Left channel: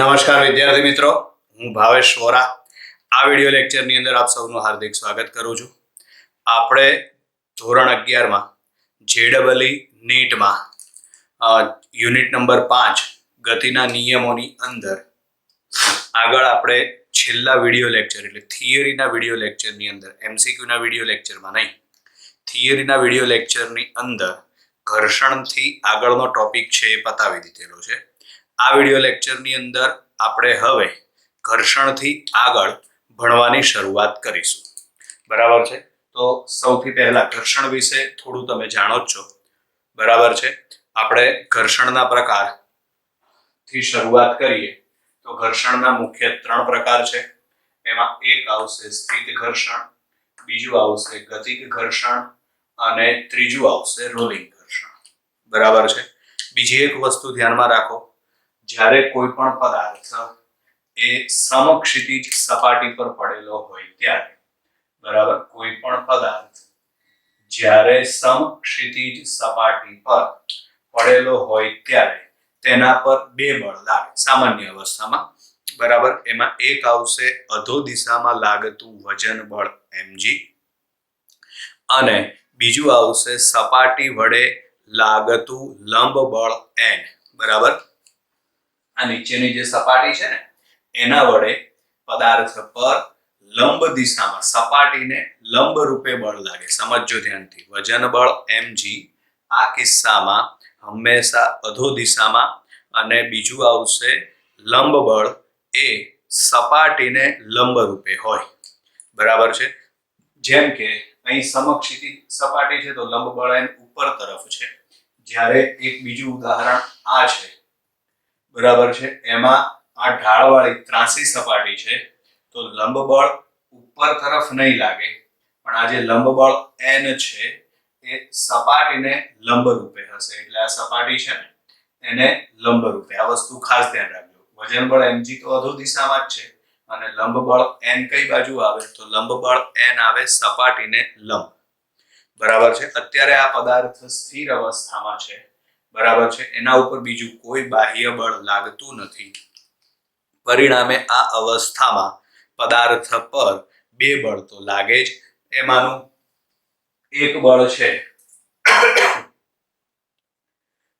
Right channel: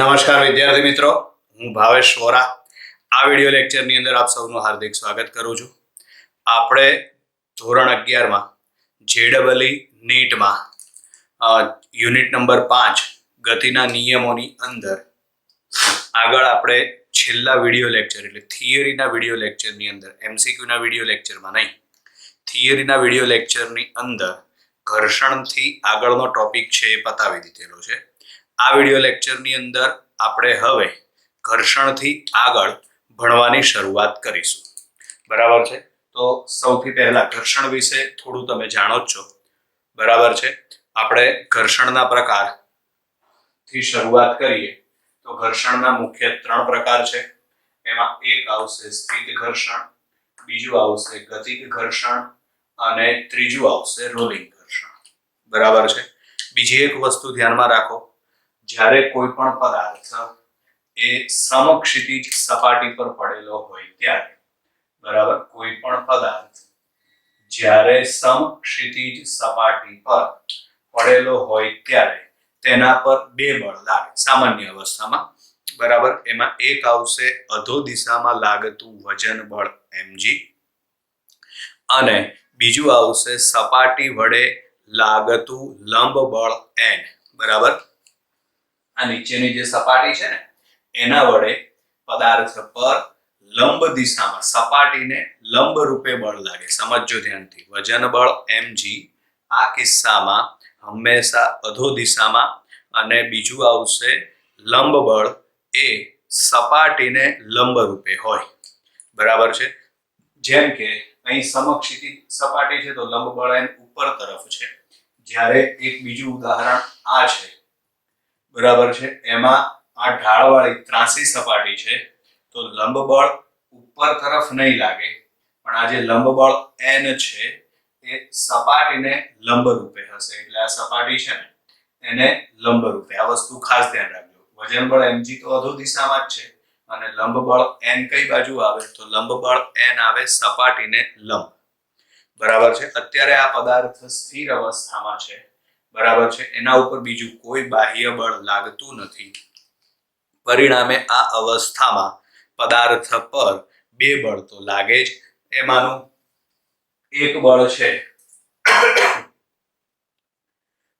નમસ્કાર વિદ્યાર્થી મિત્રો, હું ભાવેશ વોરા આ વિડિયો લેક્ચરની અંદર આપ સૌનું હાર્દિક સ્વાગત કરું છું. આપણે ધોરણ 11માં જેડબલઈ નીટમાં યુનિટ નંબર 5 ગતિના નિયમોની અંદર આગળ આપણે છેલ્લા વિડિયો લેક્ચર એટલે થિયરીના વિડિયો લેક્ચરની અંદર એમસીક્યુના વિડિયો લેક્ચરમાં નહીં, થિયરીના વિડિયો લેક્ચરની અંદર ઘર્ષણથી આગળનો ટોપિક છે એ પતાવી દીધેલો છે. આ વિડિયો લેક્ચરની અંદર આપણે હવે ઘર્ષણથી આગળ ભણવાની શરૂઆત કરીશું. બરાબર છે? તો સૌથી પહેલા ઘર્ષણ વિશે થોડું તમે જાણો જ છો. બરાબર છે? આપણે ઘર્ષણના પ્રકારથી શરૂઆત કરીએ તો ઘર્ષણના મુખ્ય 3 પ્રકાર છે. એમાં એક આવશે સ્થિત ઘર્ષણ, બીજું આવશે ગતિક ઘર્ષણ અને ત્રીજું આવશે રોલિંગ ઘર્ષણ. બરાબર છે? બીજી એક વસ્તુ ધ્યાનમાં રાખો, જ્યારે કોઈ પણ પદાર્થ એ સમક્ષિતિજ સપાટી પર પડેલો હોય ત્યારે, બરાબર, કોઈ પણ પદાર્થ જ્યારે સમક્ષિતિજ સપાટી પર પડેલો હોય ત્યારે તેના પર 2 બળ લાગે સામાન્ય અવસ્થામાં. બરાબર, એમાં એક આવશે અધો દિશામાં લાગતું વજન બળ mg અને બીજું આવશે સપાટી વડે લાગતું લંબ બળ n. બરાબર, આ નીચેની જે સપાટી છે ને એના વડે પદાર્થ પર લંબ દિશામાં સપાટીને લંબ રૂપે બળ લાગે. સમજજો ધ્યાનથી, વજન બળ mg આ કિસ્સામાં હંમેશા અધો દિશામાં અને બીજું આવશે લંબ બળ એ સપાટીને લંબ રૂપે હોય. બરાબર છે? જેમ કે અહીં સમક્ષિતિજ સપાટી છે તો લંબ બળ એન ઉપર તરફ છે, જ્યારે એક બીજું ઉદાહરણ આ છે. બરાબર છે? એમાં આ ઢાળવાળી ત્રાંસી સપાટી છે તો લંબ બળ ઉપર તરફ નહીં લાગે, પણ આ જે લંબ બળ n છે એ સપાટીને લંબ રૂપે હશે. એટલે આ સપાટી છે ને એને લંબ રૂપે, આ વસ્તુ ખાસ ધ્યાન રાખજો. વજન બળ mg તો અધો દિશામાં જ છે અને લંબ બળ n કઈ બાજુ આવે તો લંબ બળ n આવે સપાટીને લંબ. બરાબર છે? અત્યારે આ પદાર્થ સ્થિર અવસ્થામાં છે. બરાબર છે? એના ઉપર બીજું કોઈ બાહ્ય બળ લાગતું નથી. પરિણામે આ અવસ્થામાં પદાર્થ પર 2 બળ તો લાગે જ. એમાંનું એક બળ છે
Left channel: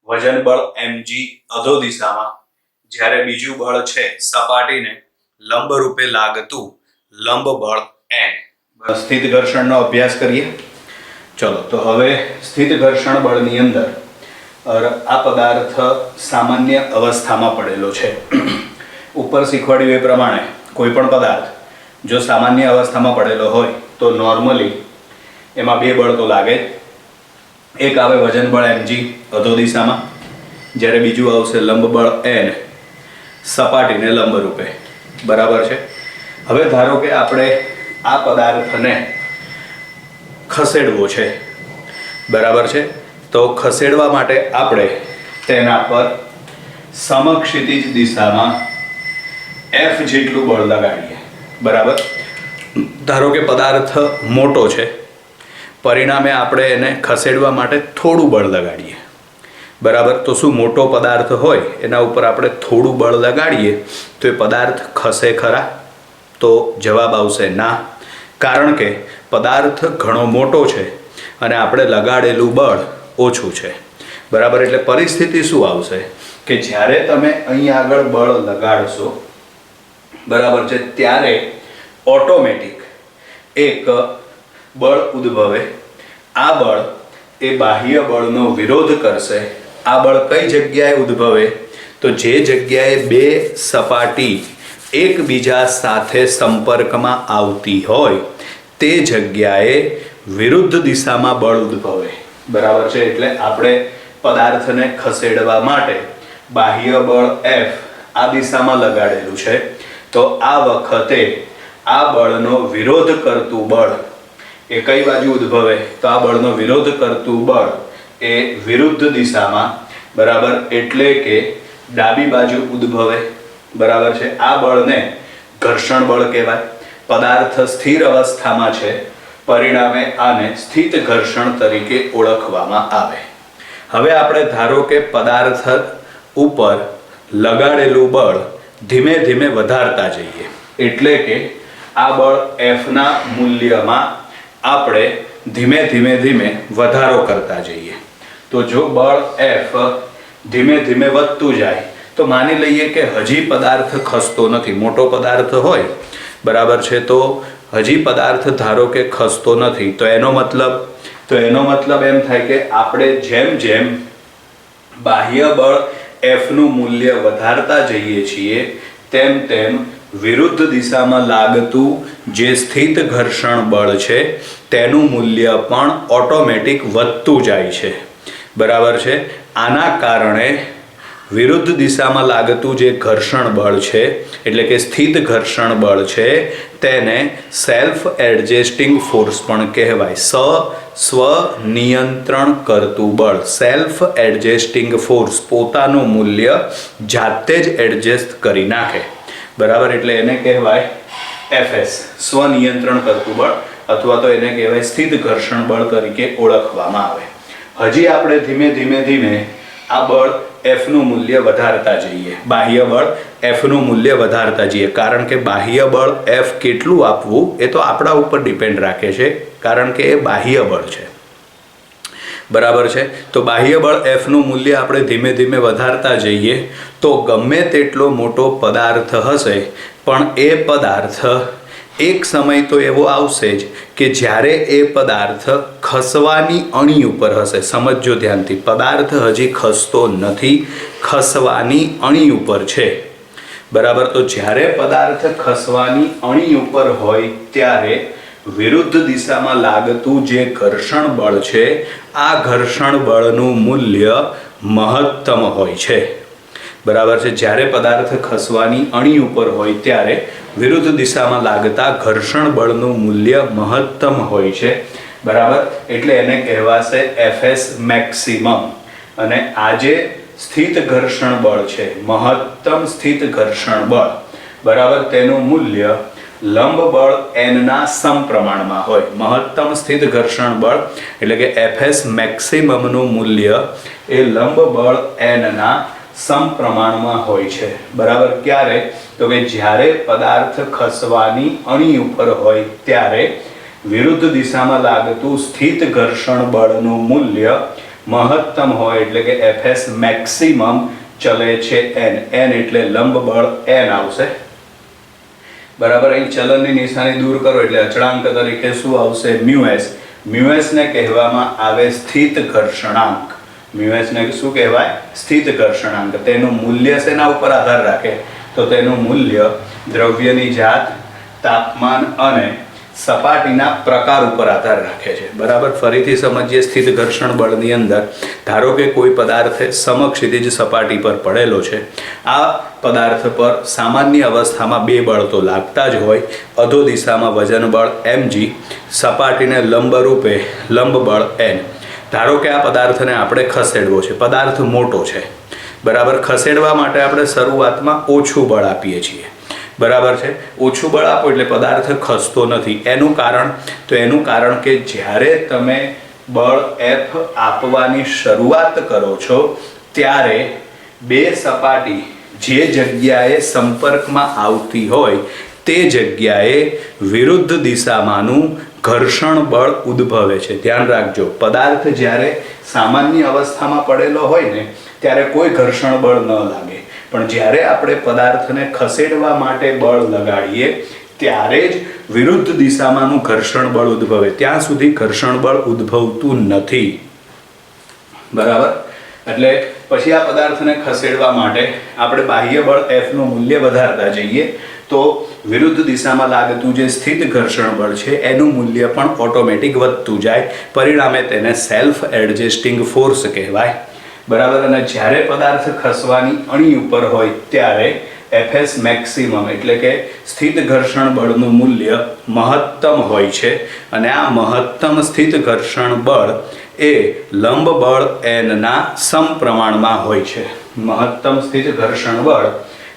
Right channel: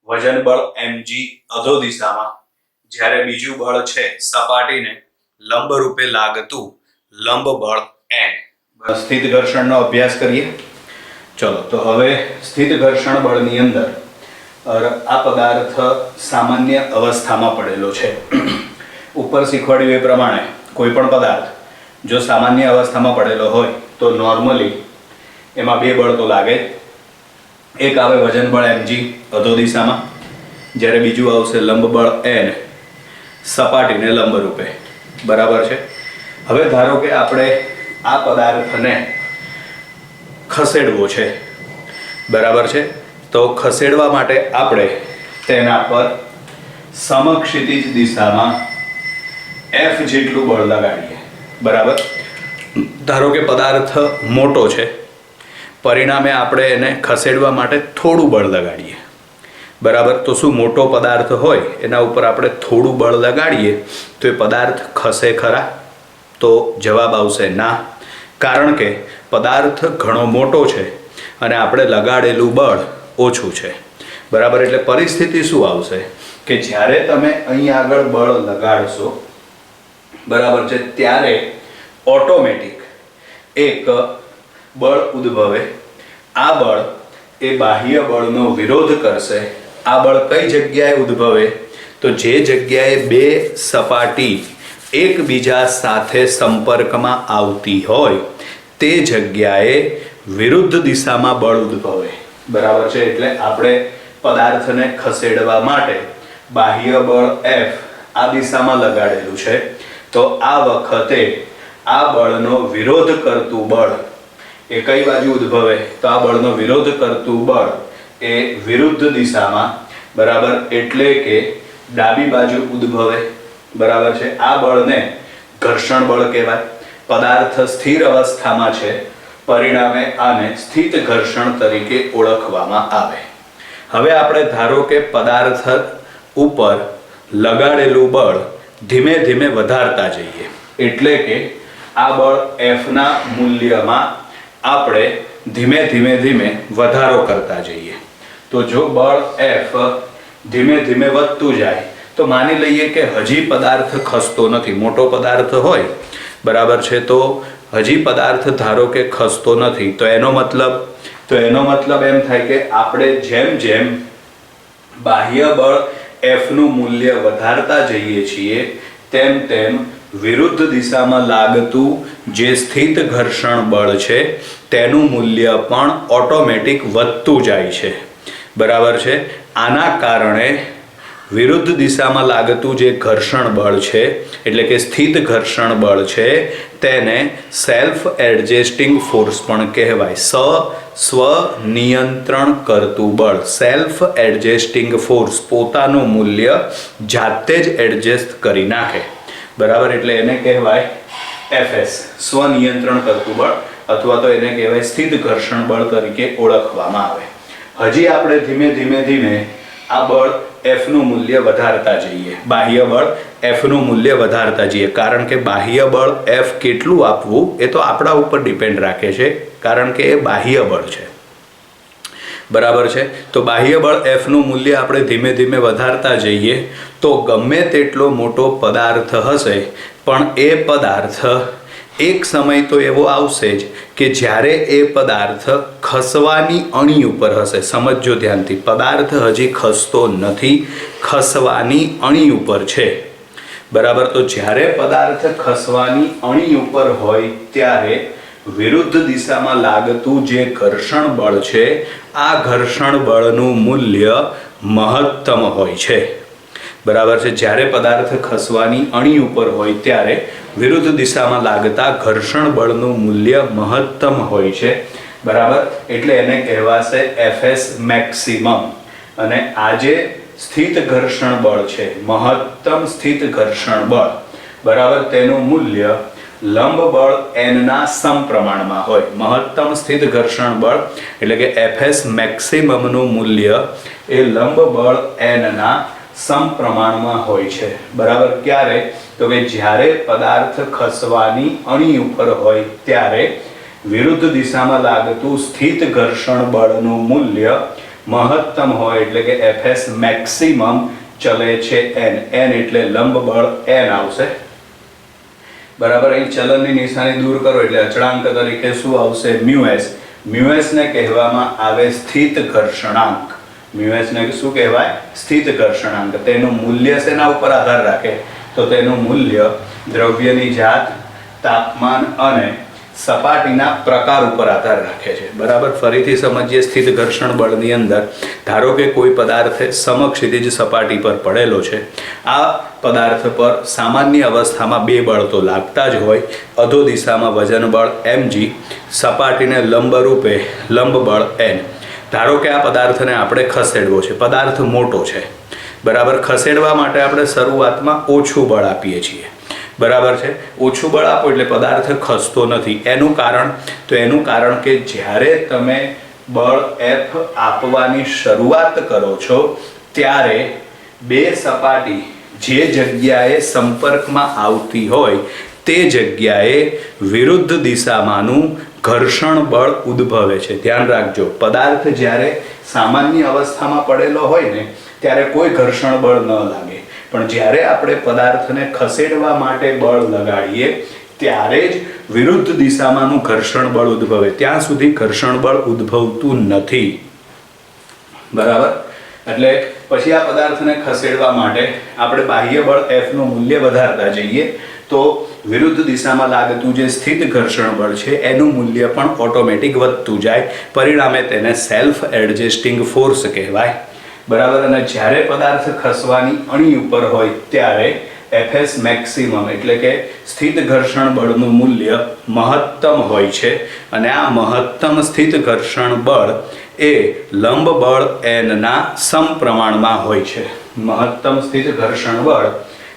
વજન બળ mg અધો દિશામાં, જ્યારે બીજું બળ છે સપાટીને લંબ રૂપે લાગતું લંબ બળ n. સ્થિત ઘર્ષણનો અભ્યાસ કરીએ. ચલો, તો હવે સ્થિત ઘર્ષણ બળની અંદર આ પદાર્થ સામાન્ય અવસ્થામાં પડેલો છે. ઉપર શીખવાડ્યું એ પ્રમાણે કોઈ પણ પદાર્થ જો સામાન્ય અવસ્થામાં પડેલો હોય તો નોર્મલી એમાં 2 બળ તો લાગે. એક આવે વજન બળ mg અધો દિશામાં, જ્યારે બીજું આવશે લંબ બળ n સપાટીને લંબ રૂપે. બરાબર છે? હવે ધારો કે આપણે આ પદાર્થને ખસેડવો છે. બરાબર છે? તો ખસેડવા માટે આપણે તેના પર સમક્ષિતિજ દિશામાં F જેટલું બળ લગાડીએ. બરાબર, ધારો કે પદાર્થ મોટો છે, પરિણામે આપણે એને ખસેડવા માટે થોડું બળ લગાડીએ. બરાબર, તો શું મોટો પદાર્થ હોય એના ઉપર આપણે થોડું બળ લગાડીએ તો એ પદાર્થ ખસે ખરા? તો જવાબ આવશે ના, કારણ કે પદાર્થ ઘણો મોટો છે અને આપણે લગાડેલું બળ ઓછું છે. બરાબર, એટલે પરિસ્થિતિ શું આવશે કે જ્યારે તમે અહીં આગળ બળ લગાડશો, બરાબર છે, ત્યારે ઓટોમેટિક એક બળ ઉદ્ભવે. આ બળ એ બાહ્ય બળનો વિરોધ કરશે. આ બળ કઈ જગ્યાએ ઉદ્ભવે તો જે જગ્યાએ 2 સપાટી એકબીજા સાથે સંપર્કમાં આવતી હોય તે જગ્યાએ વિરુદ્ધ દિશામાં બળ ઉદ્ભવે. બરાબર છે? એટલે આપણે પદાર્થને ખસેડવા માટે બાહ્ય બળ F આ દિશામાં લગાડેલું છે, તો આ વખતે આ બળનો વિરોધ કરતું બળ એ કઈ બાજુ ઉદ્ભવે તો આ બળનો વિરોધ કરતું બળ એ વિરુદ્ધ દિશામાં, બરાબર, એટલે કે ડાબી બાજુ ઉદ્ભવે. બરાબર છે? આ બળને ઘર્ષણ બળ કહેવાય. પદાર્થ સ્થિર અવસ્થામાં છે, પરિણામે આને સ્થિત ઘર્ષણ તરીકે ઓળખવામાં આવે. હવે આપણે ધારો કે પદાર્થ ઉપર લગાડેલું બળ ધીમે ધીમે વધારતા જઈએ, એટલે કે આ બળ Fના મૂલ્યમાં આપણે ધીમે ધીમે ધીમે વધારો કરતા જઈએ. તો જો બળ F ધીમે ધીમે વધતું જાય તો માની લઈએ કે હજી પદાર્થ ખસતો નથી, મોટો પદાર્થ હોય, બરાબર છે, તો હજી પદાર્થ ધારો કે ખસતો નથી, તો એનો મતલબ એમ થાય કે આપણે જેમ જેમ બાહ્ય બળ Fનું મૂલ્ય વધારતા જઈએ છીએ તેમ તેમ વિરુદ્ધ દિશામાં લાગતું જે સ્થિત ઘર્ષણ બળ છે તેનું મૂલ્ય પણ ઓટોમેટિક વધતું જાય છે, બરાબર છે. આના કારણે વિરુદ્ધ દિશામાં લાગતું જે ઘર્ષણ બળ છે એટલે કે સ્થિત ઘર્ષણ બળ છે તેને સેલ્ફ એડજસ્ટિંગ ફોર્સ પણ કહેવાય. સ્વનિયંત્રણ કરતું બળ, સેલ્ફ એડજસ્ટિંગ ફોર્સ, પોતાનું મૂલ્ય જાતે જ એડજસ્ટ કરી નાખે, બરાબર, એટલે એને કહેવાય FS, સ્વનિયંત્રણ કરતું બળ, અથવા તો એને કહેવાય સ્થિત ઘર્ષણ બળ તરીકે ઓળખવામાં આવે. હજી આપણે ધીમે ધીમે આ બળ Fનું મૂલ્ય વધારતા જઈએ, બાહ્ય બળ Fનું મૂલ્ય વધારતા જઈએ, કારણ કે બાહ્ય બળ F કેટલું આપવું એ તો આપણા ઉપર ડિપેન્ડ રાખે છે, કારણ કે એ બાહ્ય બળ છે, બરાબર છે. તો બાહ્ય બળ Fનું મૂલ્ય આપણે ધીમે ધીમે વધારતા જઈએ તો ગમે તેટલો મોટો પદાર્થ હશે પણ એ પદાર્થ એક સમય તો એવો આવશે જ કે જ્યારે એ પદાર્થ ખસવાની અણી ઉપર હશે. સમજો ધ્યાનથી, પદાર્થ હજી ખસતો નથી, ખસવાની અણી ઉપર છે, બરાબર. તો જ્યારે પદાર્થ ખસવાની અણી ઉપર હોય ત્યારે વિરુદ્ધ દિશામાં લાગતું જે ઘર્ષણ બળ છે આ ઘર્ષણ બળનું મૂલ્ય મહત્તમ હોય છે, બરાબર છે. જ્યારે પદાર્થ ખસવાની અણી ઉપર હોય ત્યારે વિરુદ્ધ દિશામાં લાગતા ઘર્ષણ બળનું મૂલ્ય મહત્તમ હોય છે, બરાબર. એટલે એને કહેવાશે FS મેક્સિમમ. અને આ જે સ્થિત ઘર્ષણ બળ છે, મહત્તમ સ્થિત ઘર્ષણ બળ, બરાબર, તેનું મૂલ્ય લંબ બળ N ના સમપ્રમાણમાં હોય. મહત્તમ સ્થિત ઘર્ષણ બળ એટલે કે FS મેક્સિમમનું મૂલ્ય એ લંબ બળ N ના સમપ્રમાણમાં હોય છે, બરાબર. ક્યારે? તો કે જ્યારે પદાર્થ ખસવાની અણી ઉપર હોય ત્યારે વિરુદ્ધ દિશામાં લાગતું સ્થિત ઘર્ષણ બળનું મૂલ્ય મહત્તમ હોય, એટલે કે FS મેક્સિમમ ચલે છે N એટલે લંબ બળ N આવશે, બરાબર. અહીં ચલનની નિશાની દૂર કરો એટલે અચળાંક તરીકે શું આવશે? મ્યુએસ ને કહેવામાં આવે સ્થિત ઘર્ષણાંક. મ્યુએસ ને શું કહેવાય? સ્થિત ઘર્ષણાંક. તેનું મૂલ્ય શેના ઉપર આધાર રાખે? તો તેનું મૂલ્ય દ્રવ્યની જાત, તાપમાન અને સપાટીના પ્રકાર ઉપર આધાર રાખે છે, બરાબર. ફરીથી સમજીએ. સ્થિત ઘર્ષણ બળની અંદર ધારો કે કોઈ પદાર્થ સમક્ષિતિજ સપાટી પર પડેલો છે, આ પદાર્થ પર સામાન્ય અવસ્થામાં બે બળ તો લાગતા જ હોય, અધો દિશામાં વજન બળ mg, સપાટીને લંબ રૂપે લંબ બળ n. ધારો કે આ પદાર્થને આપણે ખસેડવો છે, પદાર્થ મોટો છે, બરાબર. ખસેડવા માટે આપણે શરૂઆતમાં ઓછું બળ આપીએ છીએ, બરાબર છે. ઓછું બળ આપો એટલે પદાર્થ ખસતો નથી. એનું કારણ કે જ્યારે તમે બળ F આપવાની શરૂઆત કરો છો ત્યારે બે સપાટી જે જગ્યાએ સંપર્કમાં આવતી હોય તે જગ્યાએ વિરુદ્ધ દિશામાંનું ઘર્ષણ બળ ઉદ્ભવે છે. ધ્યાન રાખજો, પદાર્થ જ્યારે સામાન્ય અવસ્થામાં પડેલો હોય ને ત્યારે કોઈ ઘર્ષણ બળ ન લાગે, પણ જ્યારે આપણે પદાર્થને ખસેડવા માટે બળ લગાડીએ ત્યારે જ વિરુદ્ધ દિશામાંનું ઘર્ષણ બળ ઉદ્ભવે. ત્યાં સુધી ઘર્ષણ બળ ઉદ્ભવતું નથી, બરાબર. એટલે પછી આ પદાર્થને ખસેડવા માટે આપણે બાહ્ય બળ Fનું મૂલ્ય વધારતા જઈએ તો વિરુદ્ધ દિશામાં લાગતું જે સ્થિત ઘર્ષણ બળ છે એનું મૂલ્ય પણ ઓટોમેટિક વધતું જાય, પરિણામે તેને સેલ્ફ એડજસ્ટિંગ ફોર્સ કહેવાય, બરાબર. અને જ્યારે પદાર્થ ખસવાની અણી ઉપર હોય ત્યારે FS મેક્સિમમ એટલે કે સ્થિત ઘર્ષણ બળનું મૂલ્ય મહત્તમ હોય છે, અને આ મહત્તમ સ્થિત ઘર્ષણ બળ એ લંબ બળ N ના સમપ્રમાણમાં હોય છે. મહત્તમ સ્થિત ઘર્ષણ બળ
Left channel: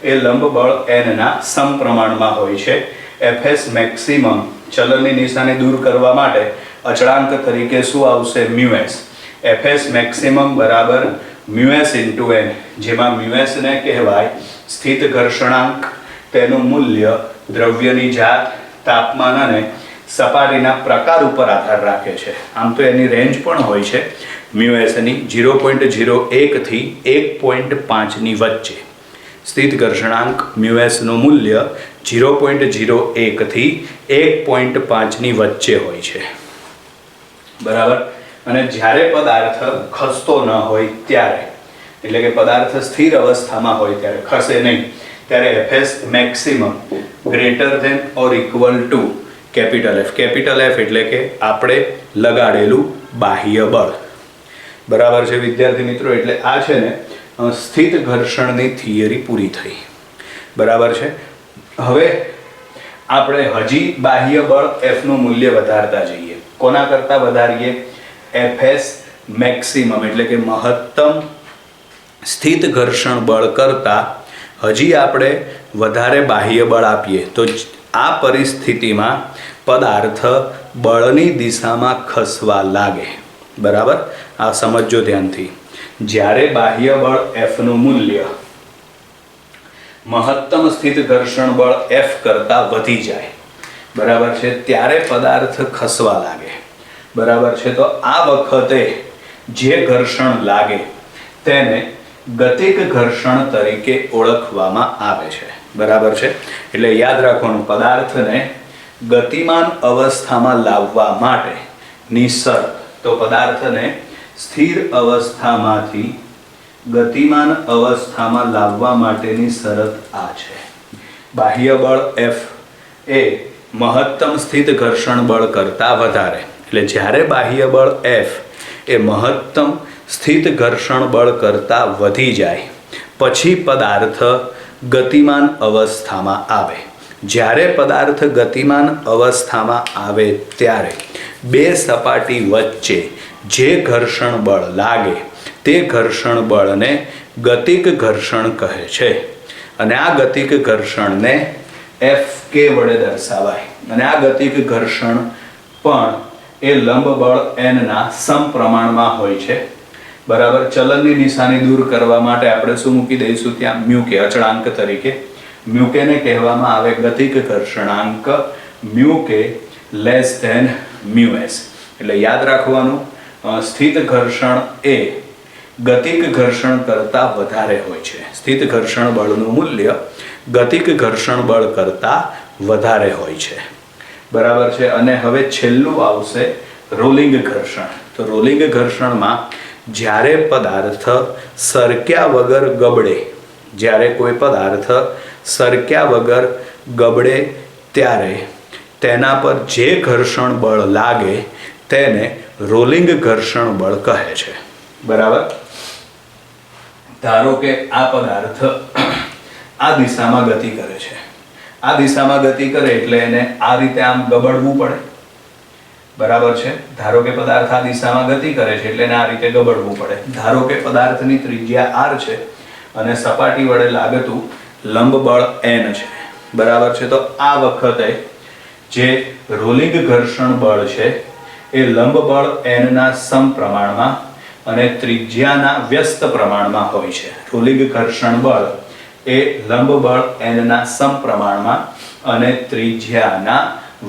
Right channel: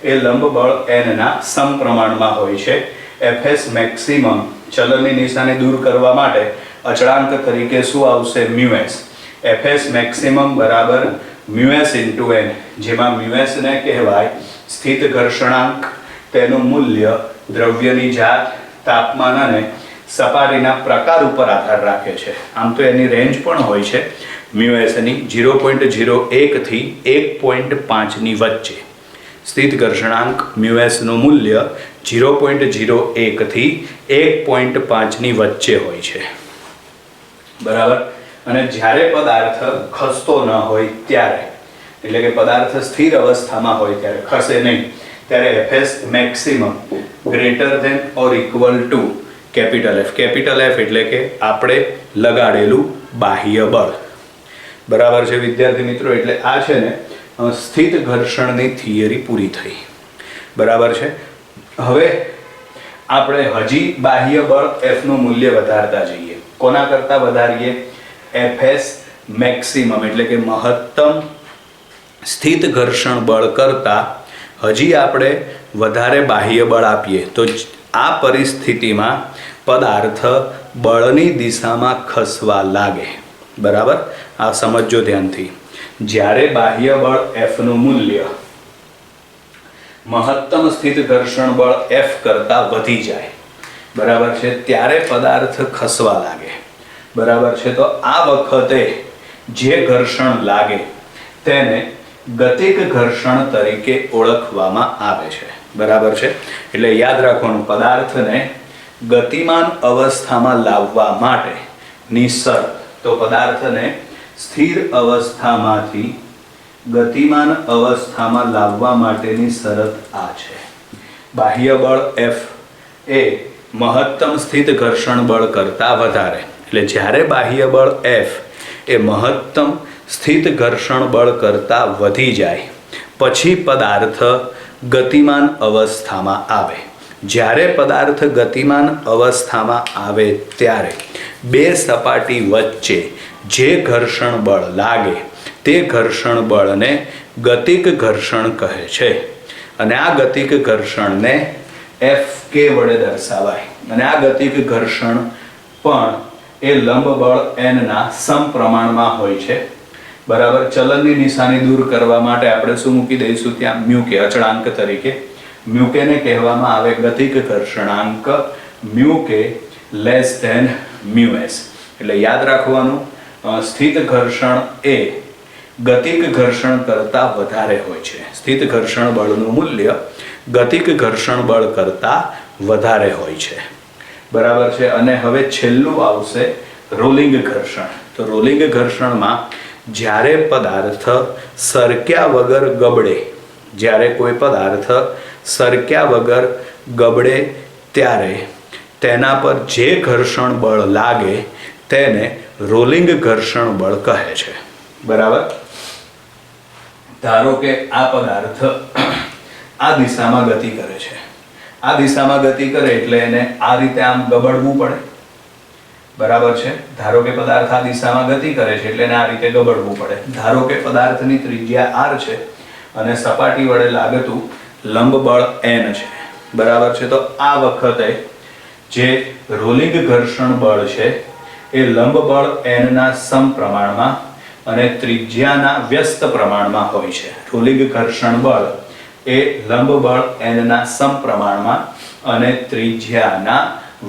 એ લંબ બળ N ના સમપ્રમાણમાં હોય છે. FS મેક્સિમમ ચલનની નિશાની દૂર કરવા માટે અચળાંક તરીકે શું આવશે? મ્યુએસ. FS મેક્સિમમ બરાબર મ્યુએસ ઇન્ટુ N, જેમાં મ્યુએસ ને કહેવાય સ્થિત ઘર્ષણાંક તેનું મૂલ્ય દ્રવ્યની જાત, તાપમાન અને સપાટીના પ્રકાર ઉપર આધાર રાખે છે. આમ તો એની રેન્જ પણ હોય છે મ્યુએસની 0.01 થી 1.5 ની વચ્ચે. સ્થિત ઘર્ષણાંક મ્યુએસનું મૂલ્ય 0.01 થી 1.5 ની વચ્ચે હોય છે. બરાબર. અને જ્યારે પદાર્થ ખસતો ન હોય ત્યારે, એટલે કે પદાર્થ સ્થિર અવસ્થામાં હોય ત્યારે, ખસે નહીં, ત્યારે FS maximum greater than or equal to capital F. Capital F એટલે કે આપણે લગાડેલું બાહ્ય બળ. બરાબર છે વિદ્યાર્થી મિત્રો. એટલે આ છે ને સ્થિત ઘર્ષણની થિયરી પૂરી થઈ. બરાબર છે. હવે આપણે હજી બાહ્ય બળ એફનું મૂલ્ય વધારતા જઈએ. કોના કરતાં વધારીએ? એફએસ મેક્સિમમ એટલે કે મહત્તમ સ્થિત ઘર્ષણ બળ કરતાં હજી આપણે વધારે બાહ્ય બળ આપીએ તો આ પરિસ્થિતિમાં પદાર્થ બળની દિશામાં ખસવા લાગે. બરાબર. આ સમજો ધ્યાનથી. જ્યારે બાહ્ય બળ એફનું મૂલ્ય મહત્તમ સ્થિત ઘર્ષણ બળ એફ કરતાં વધી જાય, બરાબર છે, ત્યારે પદાર્થ ખસવા લાગે. બરાબર છે. તો આ વખતે જે ઘર્ષણ લાગે તેને ગતિક ઘર્ષણ તરીકે ઓળખવામાં આવે છે. બરાબર છે. એટલે યાદ રાખવાનું, પદાર્થને ગતિમાન અવસ્થામાં લાવવા માટેની શરત, તો પદાર્થને સ્થિર અવસ્થામાંથી ગતિમાન અવસ્થામાં લાવવા માટેની શરત આ છે. બાહ્ય બળ એફ એ મહત્તમ સ્થિત ઘર્ષણ બળ કરતાં વધારે. એટલે જ્યારે બાહ્ય બળ એફ એ મહત્તમ સ્થિત ઘર્ષણ બળ કરતાં વધી જાય પછી પદાર્થ ગતિમાન અવસ્થામાં આવે. જ્યારે પદાર્થ ગતિમાન અવસ્થામાં આવે ત્યારે બે સપાટી વચ્ચે જે ઘર્ષણ બળ લાગે તે ઘર્ષણ બળને ગતિક ઘર્ષણ કહે છે. અને આ ગતિક ઘર્ષણને એફ કે વડે દર્શાવાય. અને આ ગતિક ઘર્ષણ પણ એ લંબ બળ એનના સમપ્રમાણમાં હોય છે. બરાબર. ચલનની નિશાની દૂર કરવા માટે આપણે શું મૂકી દઈશું ત્યાં? મ્યુ કે, અચળાંક તરીકે. મ્યુ કે ને કહેવામાં આવે ગતિક ઘર્ષણાંક, મ્યુ કે લેસ ધેન મ્યુ એસ. એટલે યાદ રાખવાનું, સ્થિત ઘર્ષણ એ ગતિક ઘર્ષણ કરતાં વધારે હોય છે. સ્થિત ઘર્ષણ બળનું મૂલ્ય ગતિક ઘર્ષણ બળ કરતાં વધારે હોય છે. બરાબર છે. અને હવે છેલ્લું આવશે રોલિંગ ઘર્ષણ. તો રોલિંગ ઘર્ષણમાં જ્યારે પદાર્થ સરક્યા વગર ગબડે, જ્યારે કોઈ પદાર્થ સરક્યા વગર ગબડે ત્યારે તેના પર જે ઘર્ષણ બળ લાગે તેને રોલિંગ ઘર્ષણ બળ કહે છે. બરાબર. ધારો કે આ પદાર્થ આ દિશામાં ગતિ કરે છે. આ દિશામાં ગતિ કરે એટલે એને આ રીતે આમ ગબડવું પડે. બરાબર છે. ધારો કે પદાર્થ આ દિશામાં ગતિ કરે છે એટલે એને આ રીતે ગબડવું પડે. ધારો કે પદાર્થની ત્રિજ્યા r છે અને સપાટી વડે લાગતું લંબ બળ n છે. બરાબર છે. તો આ વખતે જે રોલિંગ ઘર્ષણ બળ છે એ લંબ બળ n ના સમપ્રમાણમાં અને ત્રિજ્યાના વ્યસ્ત પ્રમાણમાં હોય છે. રોલિંગ ઘર્ષણ બળ એ લંબ બળ n ના સમપ્રમાણમાં અને ત્રિજ્યાના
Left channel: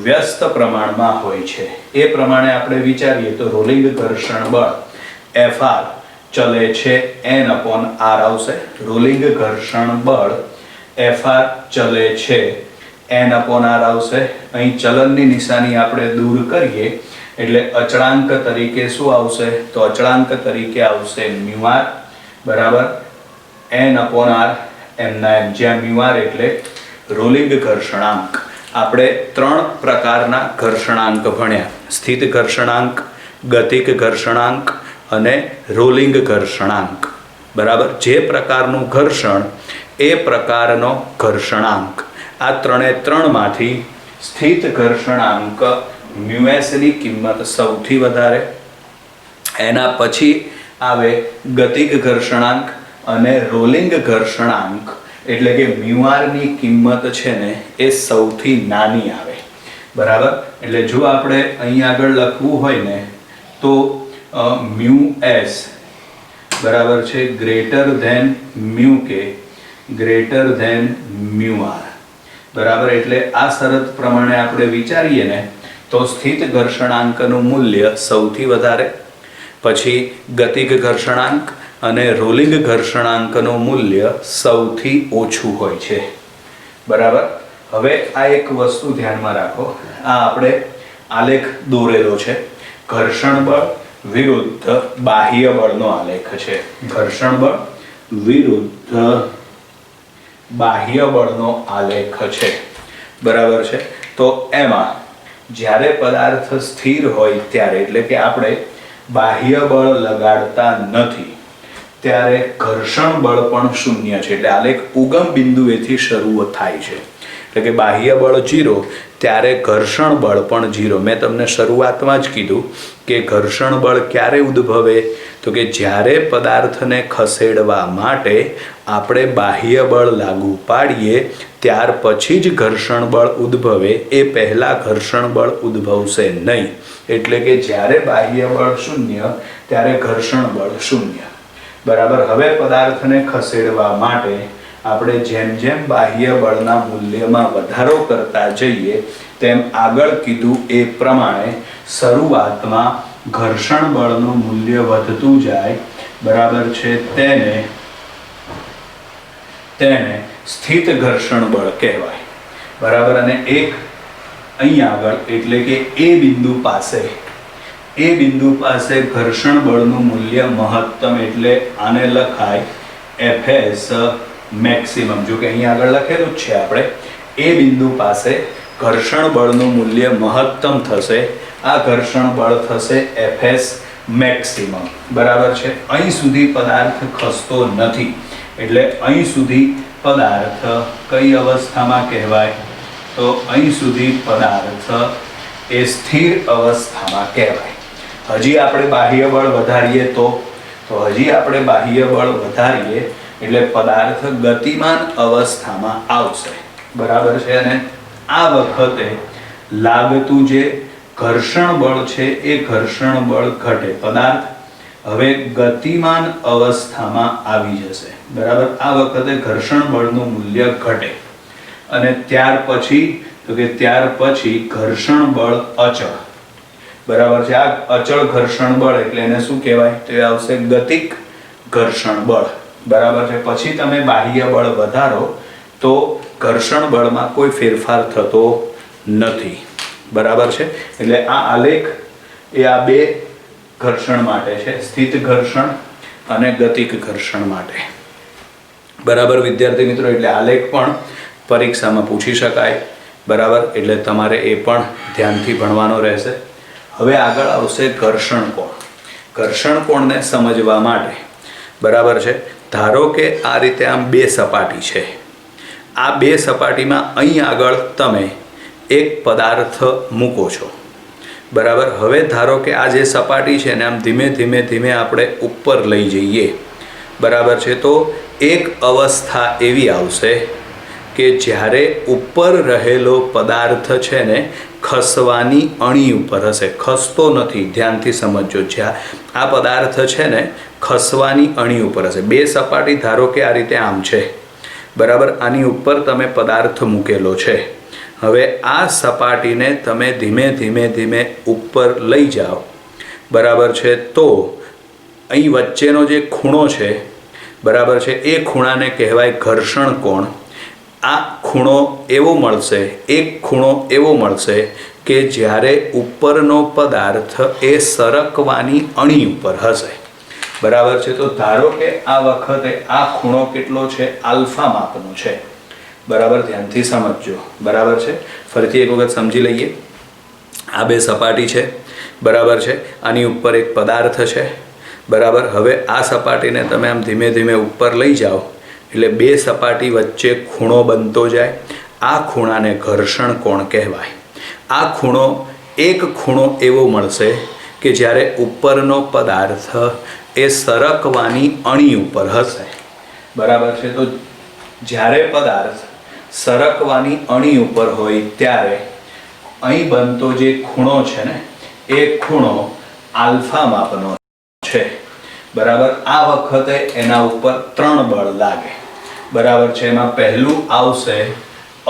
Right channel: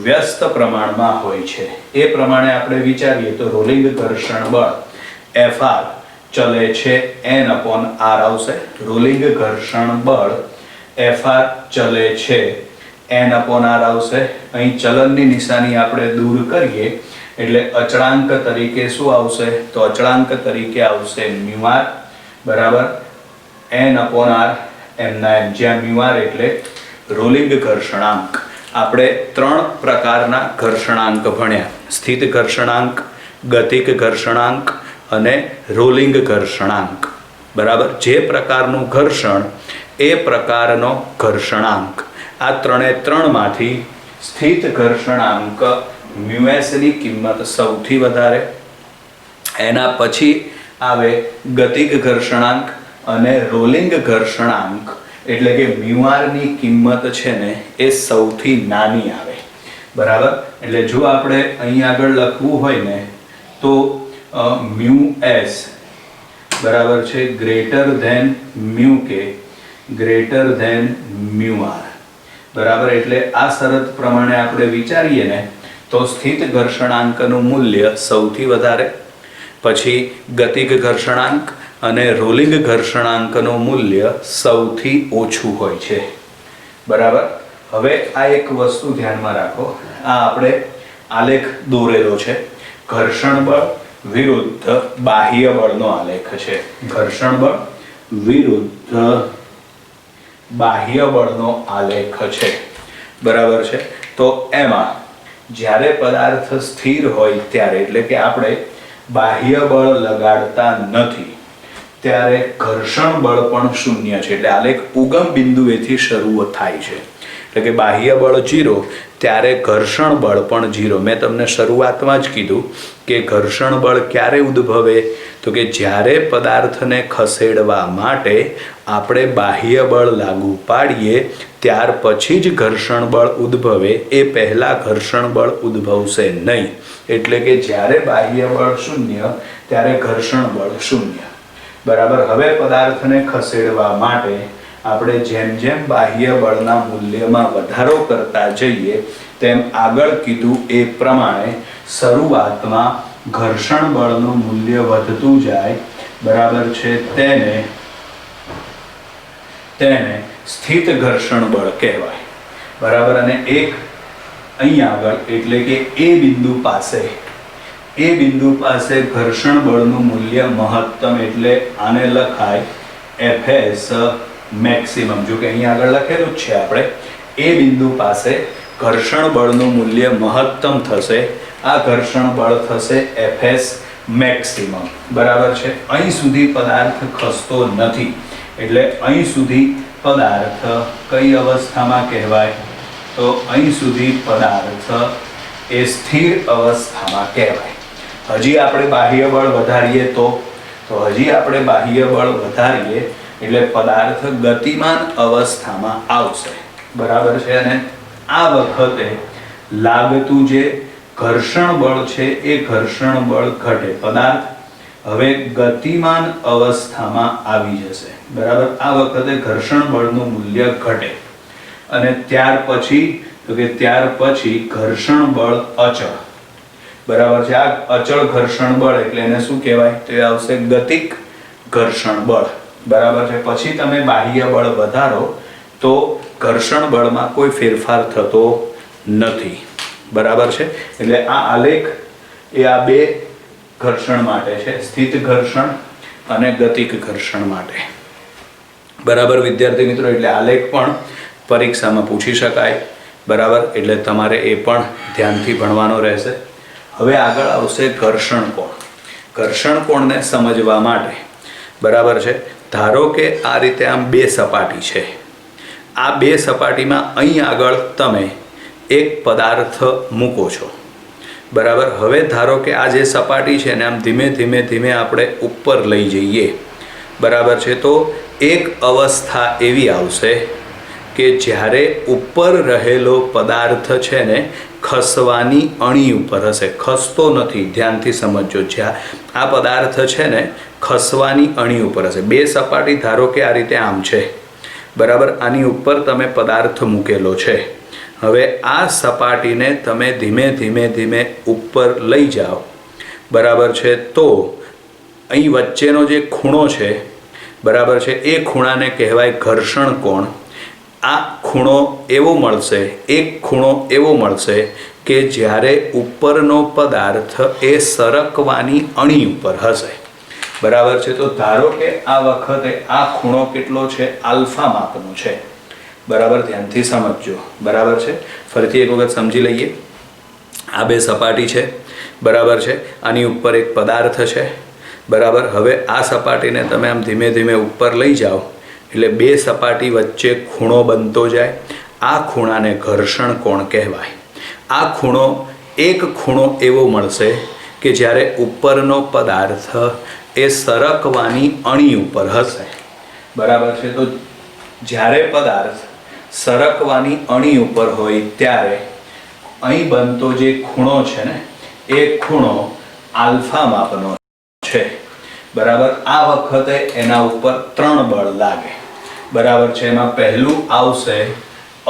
વ્યસ્ત પ્રમાણમાં હોય છે. એ પ્રમાણે આપણે વિચારીએ તો રોલિંગ ઘર્ષણ બળ Fr ચલે છે n/r આવશે. રોલિંગ ઘર્ષણ બળ Fr ચલે છે n/r આવશે. અહીં ચલનની નિશાની આપણે દૂર કરીએ એટલે અચળાંક તરીકે શું આવશે? તો અચળાંક તરીકે આવશે μr. બરાબર. n/r એમના એમ, જ્યાં μr એટલે રોલિંગ ઘર્ષણાંક. આપણે 3 પ્રકારના ઘર્ષણાંક ભણ્યા: સ્થિત ઘર્ષણાંક, ગતિક ઘર્ષણાંક અને રોલિંગ ઘર્ષણાંક. બરાબર. જે પ્રકારનું ઘર્ષણ એ પ્રકારનો ઘર્ષણાંક. આ 3 માંથી સ્થિત ઘર્ષણાંક મ્યુએસ ની કિંમત સૌથી વધારે, એના પછી આવે ગતિક ઘર્ષણાંક અને રોલિંગ ઘર્ષણાંક એટલે કે μr ની કિંમત છે ને એ સૌથી નાની આવે. બરાબર. એટલે જો આપણે અહીં આગળ લખવું હોય ને તો મ્યુએસ બરાબર છે ગ્રેટર ધેન મ્યુ કે ગ્રેટર ધેન મ્યુ આર. બરાબર, એટલે આ શરત પ્રમાણે આપણે વિચારીએ ને તો સ્થિત ઘર્ષણાંકનું મૂલ્ય સૌથી વધારે, પછી ગતિક ઘર્ષણાંક અને રોલિંગ ઘર્ષણાંકનું મૂલ્ય સૌથી ઓછું હોય છે. બરાબર, હવે આ એક વસ્તુ ધ્યાનમાં રાખો, આ આપણે આલેખ દોરેલો છે, ઘર્ષણ બળ વિરુદ્ધ બાહ્ય બળનો આલેખ છે. ઘર્ષણ બળ વિરુદ્ધ બાહ્ય બળનો આલેખ છે. બરાબર છે, તો એમાં જ્યારે પદાર્થ સ્થિર હોય ત્યારે, એટલે કે આપણે બાહ્ય બળ લગાડતા નથી ત્યારે ઘર્ષણ બળ પણ શૂન્ય છે. એટલે આલેખ ઉગમ બિંદુએથી શરૂ થાય છે, એટલે કે બાહ્ય બળ 0 ત્યારે ઘર્ષણ બળ પણ 0. મેં તમને શરૂઆતમાં જ કીધું કે ઘર્ષણ બળ ક્યારે ઉદ્ભવે, તો કે જ્યારે પદાર્થને ખસેડવા માટે આપણે બાહ્ય બળ લાગુ પાડીએ ત્યાર પછી જ ઘર્ષણ બળ ઉદ્ભવે, એ પહેલાં ઘર્ષણ બળ ઉદ્ભવશે નહીં. એટલે કે જ્યારે બાહ્ય બળ 0 ત્યારે ઘર્ષણ બળ 0. બરાબર, હવે પદાર્થને ખસેડવા માટે આપણે જેમ જેમ બાહ્ય બળના મૂલ્યમાં વધારો કરતા જઈએ તેમ આગળ કીધું એ પ્રમાણે શરૂઆતમાં ઘર્ષણ બળનું મૂલ્ય વધતું જાય. બરાબર છે, તેને સ્થિત ઘર્ષણ બળ કહેવાય. બરાબર, અને એક અહીં આગળ એટલે કે એ બિંદુ પાસે ઘર્ષણ બળનું મૂલ્ય મહત્તમ, એટલે આને લખાય Fs મેક્સિમમ. જો કે અહીં આગળ લખેલું જ છે આપણે, એ બિંદુ પાસે ઘર્ષણ બળનું મૂલ્ય મહત્તમ થશે, આ ઘર્ષણ બળ થશે Fs મેક્સિમમ. બરાબર છે, અહીં સુધી પદાર્થ ખસતો નથી, એટલે અહીં સુધી પદાર્થ કઈ અવસ્થામાં કહેવાય, તો અહીં સુધી પદાર્થ એ સ્થિર અવસ્થામાં કહેવાય. હજી આપણે બાહ્ય બળ વધારીએ તો હજી આપણે બાહ્ય બળ વધારીએ એટલે પદાર્થ ગતિમાન અવસ્થામાં આવશે. બરાબર છે, અને આ વખતે લાગતું જે ઘર્ષણ બળ છે એ ઘર્ષણ બળ ઘટે, પદાર્થ હવે ગતિમાન અવસ્થામાં આવી જશે. બરાબર, આ વખતે ઘર્ષણ બળનું મૂલ્ય ઘટે અને ત્યાર પછી ઘર્ષણ બળ અચળ. બરાબર છે, આ અચળ ઘર્ષણ બળ એટલે એને શું કહેવાય, તો એ આવશે ગતિક ઘર્ષણ બળ. બરાબર છે, પછી તમે બાહ્ય બળ વધારો તો ઘર્ષણ બળમાં કોઈ ફેરફાર થતો નથી. બરાબર છે, એટલે આ આલેખ એ આ બે ઘર્ષણ માટે છે, સ્થિત ઘર્ષણ અને ગતિક ઘર્ષણ માટે. બરાબર વિદ્યાર્થી મિત્રો, એટલે આલેખ પણ પરીક્ષામાં પૂછી શકાય. બરાબર, એટલે તમારે એ પણ ધ્યાનથી ભણવાનો રહેશે. હવે આગળ આવશે ઘર્ષણ કોણ. ઘર્ષણ કોણને સમજવા માટે, બરાબર છે, ધારો કે આ રીતે આમ બે સપાટી છે, આ બે સપાટીમાં અહીં આગળ તમે એક પદાર્થ મૂકો છો. બરાબર, હવે ધારો કે આ જે સપાટી છે ને આમ ધીમે ધીમે આપણે ઉપર લઈ જઈએ. બરાબર છે, તો એક અવસ્થા એવી આવશે કે જ્યારે ઉપર રહેલો પદાર્થ છે ને ખસવાની અણી ઉપર હશે, ખસતો નથી, ધ્યાનથી સમજો. જ્યાં આ પદાર્થ છે ને ખસવાની અણી ઉપર હશે. બે સપાટી ધારો કે આ રીતે આમ છે, બરાબર, આની ઉપર તમે પદાર્થ મૂકેલો છે. હવે આ સપાટીને તમે ધીમે ઉપર લઈ જાઓ. બરાબર છે, તો અહીં વચ્ચેનો જે ખૂણો છે, બરાબર છે, એ ખૂણાને કહેવાય ઘર્ષણ કોણ. આ ખૂણો એવો મળશે, એક ખૂણો એવો મળશે કે જ્યારે ઉપરનો પદાર્થ એ સરકવાની અણી ઉપર હશે. બરાબર છે, તો ધારો કે આ વખતે આ ખૂણો કેટલો છે, આલ્ફા માપનો છે. બરાબર, ધ્યાનથી સમજજો. બરાબર છે, ફરીથી એક વખત સમજી લઈએ. આ બે સપાટી છે, બરાબર છે, આની ઉપર એક પદાર્થ છે. બરાબર, હવે આ સપાટીને તમે આમ ધીમે ઉપર લઈ જાઓ એટલે બે સપાટી વચ્ચે ખૂણો બનતો જાય. આ ખૂણાને ઘર્ષણ કોણ કહેવાય. આ એક ખૂણો એવો મળશે કે જ્યારે ઉપરનો પદાર્થ એ સરકવાની અણી ઉપર હશે. બરાબર છે, તો જ્યારે પદાર્થ સરકવાની અણી ઉપર હોય ત્યારે અહીં બનતો જે ખૂણો છે ને એ ખૂણો આલ્ફા માપનો છે. બરાબર, આ વખતે એના ઉપર 3 બળ લાગે. બરાબર છે. એમાં પહેલું આવશે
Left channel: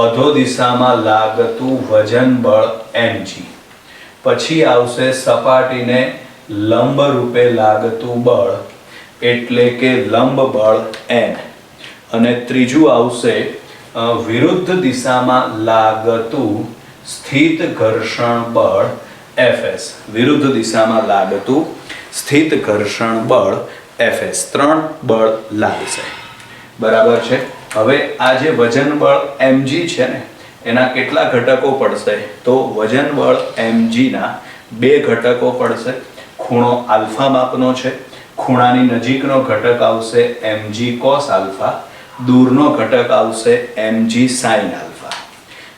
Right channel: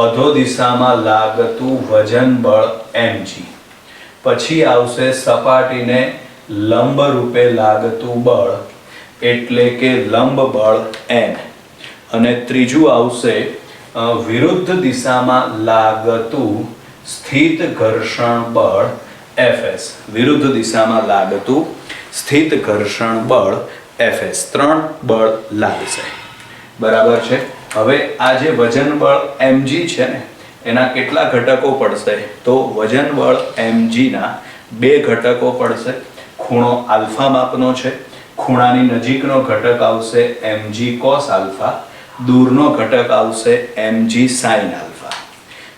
અધો દિશામાં લાગતું વજન બળ mg. પછી આવશે સપાટીને લંબ રૂપે લાગતું બળ એટલે કે લંબ બળ n. અને ત્રીજું આવશે વિરુદ્ધ દિશામાં લાગતું સ્થિત ઘર્ષણ બળ Fs. વિરુદ્ધ દિશામાં લાગતું સ્થિત ઘર્ષણ બળ Fs. 3 બળ લાગશે. બરાબર છે. હવે આ જે વજન બળ mg છે ને એના કેટલા ઘટકો પડશે? તો વજન બળ mg ના 2 ઘટકો પડશે. ખૂણો આલ્ફા માપનો છે. ખૂણાની નજીકનો ઘટક આવશે mg cos આલ્ફા, દૂરનો ઘટક આવશે mg sin આલ્ફા.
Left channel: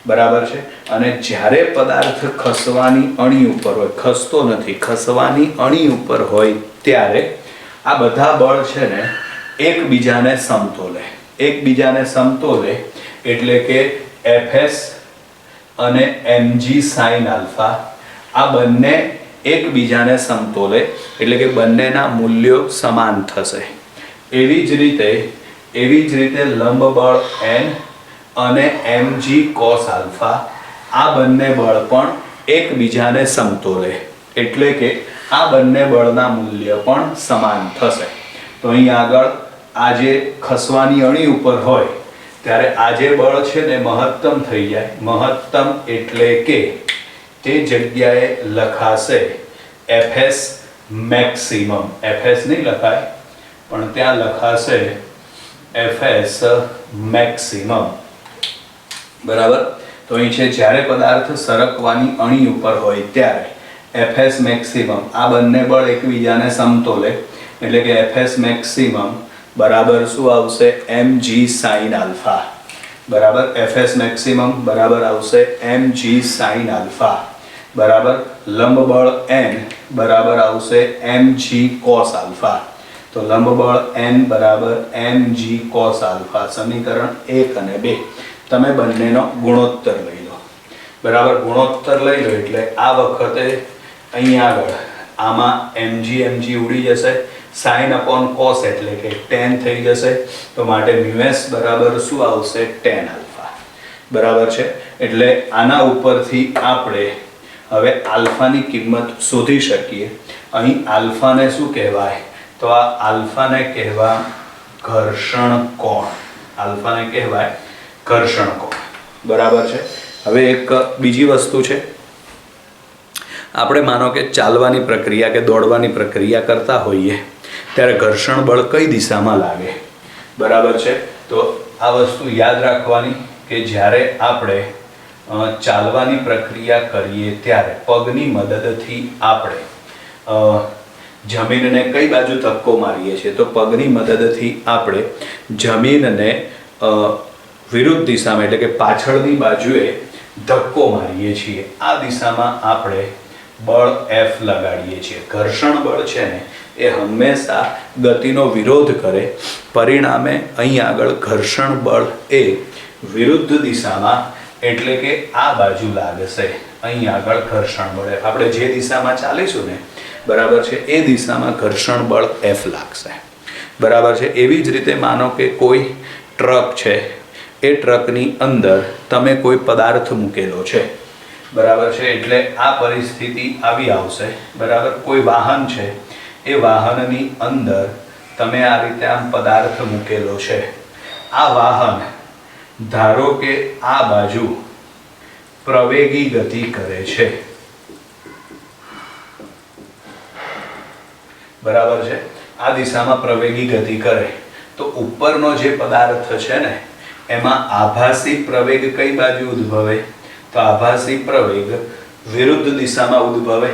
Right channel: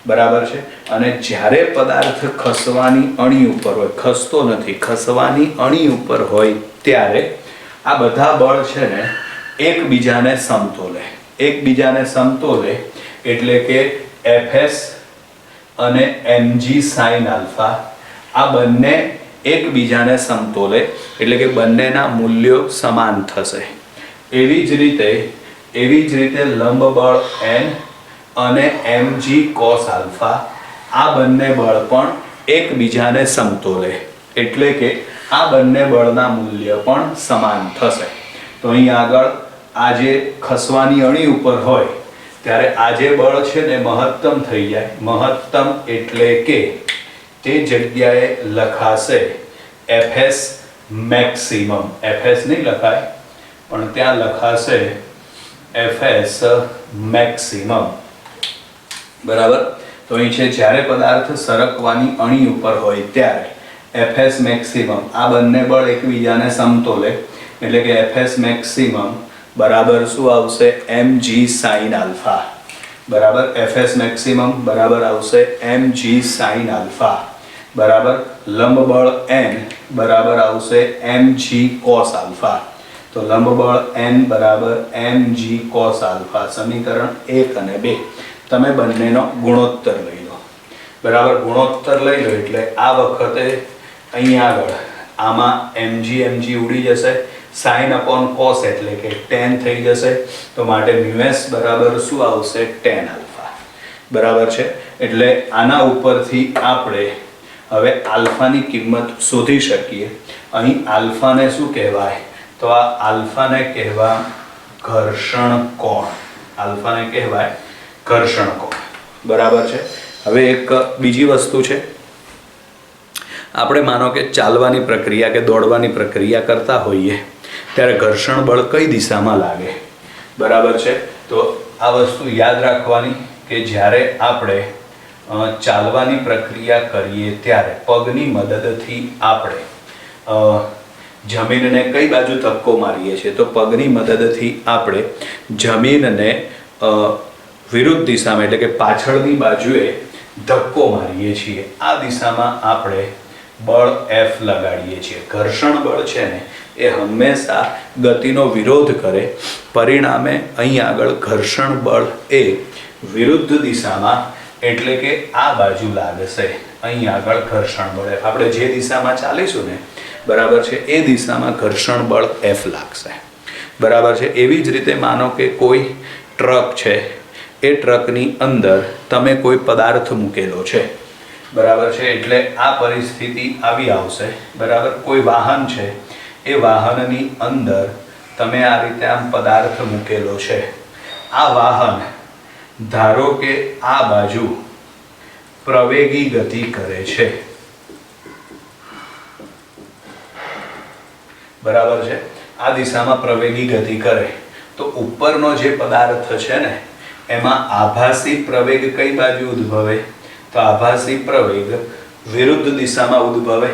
બરાબર છે. અને જ્યારે પદાર્થ ખસવાની અણી ઉપર હોય, ખસતો નથી, ખસવાની અણી ઉપર હોય ત્યારે આ બધા બળ છે ને એકબીજાને સમતોલે. એકબીજાને સમતોલે એટલે કે Fs અને mg sin આલ્ફા આ બંને એકબીજાને સમતોલે એટલે કે બંનેના મૂલ્યો સમાન થશે. એવી જ રીતે લંબ બળ n અને mg cos આલ્ફા આ બંને બળ પણ એકબીજાને સમતોલે એટલે કે આ બંને બળના મૂલ્ય પણ સમાન થશે. તો અહીં આગળ આ જે ખસવાની અણી ઉપર હોય ત્યારે આ જે બળ છે ને મહત્તમ થઈ જાય. મહત્તમ એટલે કે તે જગ્યાએ લખાશે Fs મેક્સિમમ. Fs નહીં લખાય પણ ત્યાં લખાશે Fs મેક્સિમમ. બરાબર. તો અહીં છે જ્યારે પદાર્થ સરકવાની અણી ઉપર હોય ત્યારે Fs મેક્સિમમ આ બંને બળ એકબીજાને સમતોલે એટલે કે Fs મેક્સિમમ બરાબર શું આવશે? mg sin alpha. બરાબર. Fs મેક્સિમમ બરાબર આવશે mg sin આલ્ફા. બરાબર. લંબ બળ n બરાબર આવશે mg cos આલ્ફા. તો લંબ બળ n બરાબર mg cos આલ્ફા. સમીકરણ 1 અને 2 તમે બંનેનો ગુણોત્તર લઈ લો. બરાબર. ગુણોત્તર લઈ લો એટલે આ વખતે અહીં આગળ આમાં mg ઉડી જશે. sin upon cos એટલે કે tan થઈ જશે. તો માટે μs બરાબર શું આવશે? tan alpha. બરાબર છે. એટલે આના ઉપરથી આપણે હવે આલ્ફાની કિંમત શોધી શકીએ. અહીં આલ્ફાને શું કહેવાય? તો આ આલ્ફાને કહેવાય ઘર્ષણ કોણ. આલ્ફાને કહેવાય ઘર્ષણ કોણ. બરાબર છે. હવે એક બીજી વસ્તુ છે. આપણે માનો કે ચાલવાની પ્રક્રિયા કે દોડવાની પ્રક્રિયા કરતા હોઈએ ત્યારે ઘર્ષણ બળ કઈ દિશામાં લાગે? બરાબર છે. તો આ વસ્તુ યાદ રાખવાની કે જ્યારે આપણે ચાલવાની પ્રક્રિયા કરીએ ત્યારે પગની મદદથી આપણે જમીનને કઈ બાજુ ધક્કો મારીએ છીએ? તો પગની મદદથી આપણે જમીનને વિરુદ્ધ દિશામાં એટલે કે પાછળની બાજુએ ધક્કો મારીએ છીએ. આ દિશામાં આપણે બળ F લગાડીએ છીએ. ઘર્ષણ બળ છે ને એ હંમેશા ગતિનો વિરોધ કરે. પરિણામે અહીં આગળ ઘર્ષણ બળ એ વિરુદ્ધ દિશામાં એટલે કે આ બાજુ લાગશે. અહીં આગળ ઘર્ષણ બળ આપણે જે દિશામાં ચાલીશું ને બરાબર છે એ દિશામાં ઘર્ષણ બળ F લાગશે. બરાબર છે. એવી જ રીતે માનો કે કોઈ ટ્રક છે, એ ટ્રકની અંદર તમે કોઈ પદાર્થ મૂકેલો છે. બરાબર છે. એટલે આ પરિસ્થિતિ આવી આવશે. બરાબર. કોઈ વાહન છે, એ વાહનની અંદર તમે આ રીતે આમ પદાર્થ મૂકેલો છે. આ વાહન ધારો કે આ બાજુ પ્રવેગી ગતિ કરે છે. બરાબર છે. આ દિશામાં પ્રવેગી ગતિ કરે તો ઉપરનો જે પદાર્થ છે ને એમાં આભાસી પ્રવેગ કઈ બાજુ ઉદ્ભવે? તો આભાસી પ્રવેગ વિરુદ્ધ દિશામાં ઉદ્ભવે.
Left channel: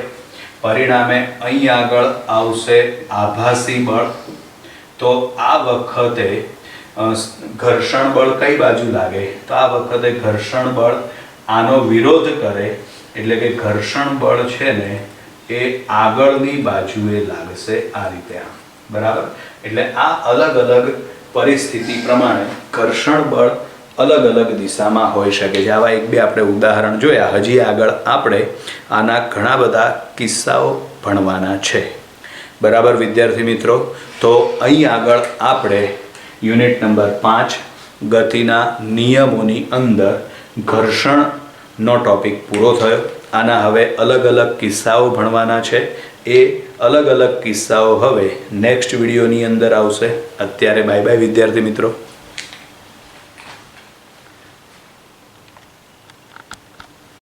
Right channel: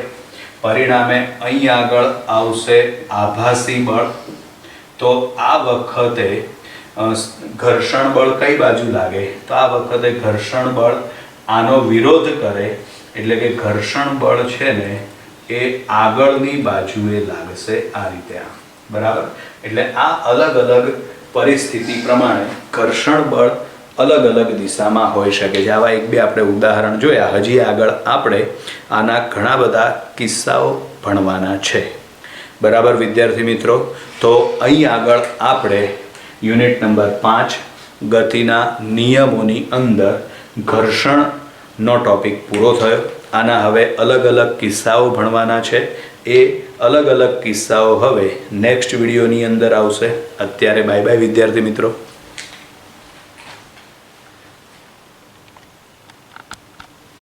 પરિણામે અહીં આગળ આવશે આભાસી બળ. તો આ વખતે ઘર્ષણ બળ કઈ બાજુ લાગે? તો આ વખતે ઘર્ષણ બળ આનો વિરોધ કરે એટલે કે ઘર્ષણ બળ છે ને એ આગળની બાજુએ લાગશે આ રીતે. બરાબર. એટલે આ અલગ અલગ પરિસ્થિતિ પ્રમાણે ઘર્ષણ બળ અલગ અલગ દિશામાં હોઈ શકે છે. આવા એક બે આપણે ઉદાહરણ જોયા. હજી આગળ આપણે આના ઘણા બધા કિસ્સાઓ ભણવાના છે. બરાબર વિદ્યાર્થી મિત્રો. તો અહીં આગળ આપણે યુનિટ નંબર 5 ગતિના નિયમોની અંદર ઘર્ષણનો ટોપિક પૂરો થયો. આના હવે અલગ અલગ કિસ્સાઓ ભણવાના છે. એ અલગ અલગ કિસ્સાઓ હવે નેક્સ્ટ વિડીયોની અંદર આવશે. અત્યારે બાય બાય વિદ્યાર્થી મિત્રો.